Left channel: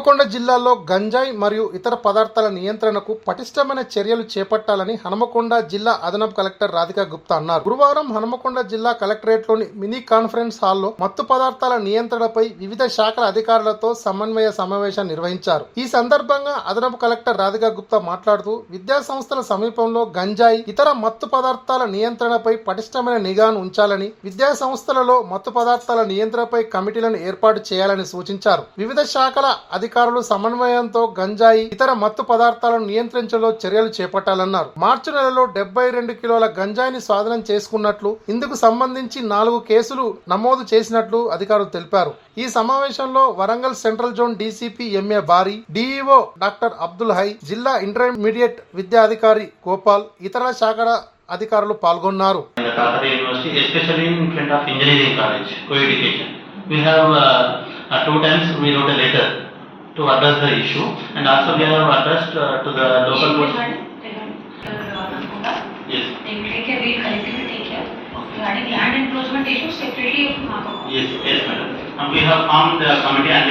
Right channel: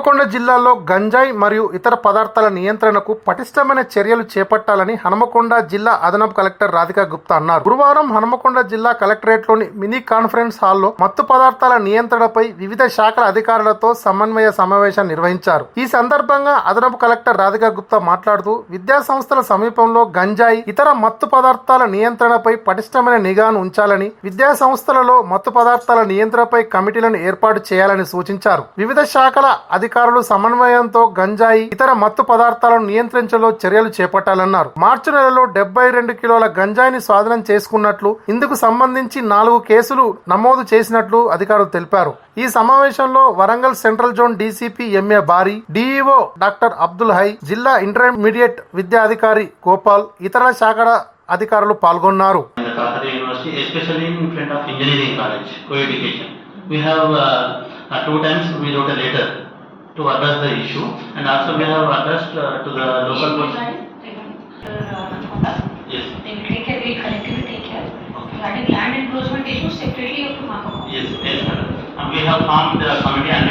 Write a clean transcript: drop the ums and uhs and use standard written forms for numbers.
హన్మకొండ జిల్లాలో గంజాయి మరియు ఇతర పదార్థాల నియంత్రణకు పటిష్టమైన చర్యలు చేపట్టాలని హన్మకొండ జిల్లా అదనపు కలెక్టర్ రాధికా గుప్తా అన్నారు. గురువారం హన్మకొండ జిల్లా కలెక్టరేట్లోని మినీ కాన్ఫరెన్స్ హాల్లో మత్తు పదార్థాల నియంత్రణపై వివిధ శాఖల అధికారులతో సమన్వయ సమావేశం నిర్వహించారు. ఈ సందర్భంగా అదనపు కలెక్టర్ రాధికా గుప్తా మాట్లాడుతూ విద్యా సంస్థల సమీపంలో గంజాయి ఇతర మత్తు పదార్థాల నియంత్రణపై పటిష్టమైన నిఘాను ఉంచాలని, విద్యా సంస్థలలో మత్తు పదార్థాల నియంత్రణపై కమిటీలను ఏర్పాటు చేయాలని సూచించారు. వివిధ శాఖల అధికారులు సమన్వయంతో గంజాయి ఇతర మత్తు పదార్థాలను నియంత్రించలో చర్యలు చేపట్టాలన్నారు. మార్చి నెలలో 72 కిలోల గంజాయిని స్వాధీనం చేసుకున్నట్లు, ఇందుకు సంబంధించి 4 కేసులు నమోదు చేసినట్లు అధికారులు తెలిపారు. ఈ సమావేశంలో Warangal central zone DCP MA బారీ, డీఈఓ డాక్టర్ అబ్దుల్ హై, జిల్లా ఇంటర్మీడియట్ విద్యా అధికారి గోపాల్, ఇతర శాఖల అధికారులు పాల్గొన్నారు. Two times we wrote a letter to address the issue, and also we have addressed to the local police. Yes. They will take care. We will collectively take care. Regarding land encroachment issues, separately. Yes, yes, madam. And we have formed the committee and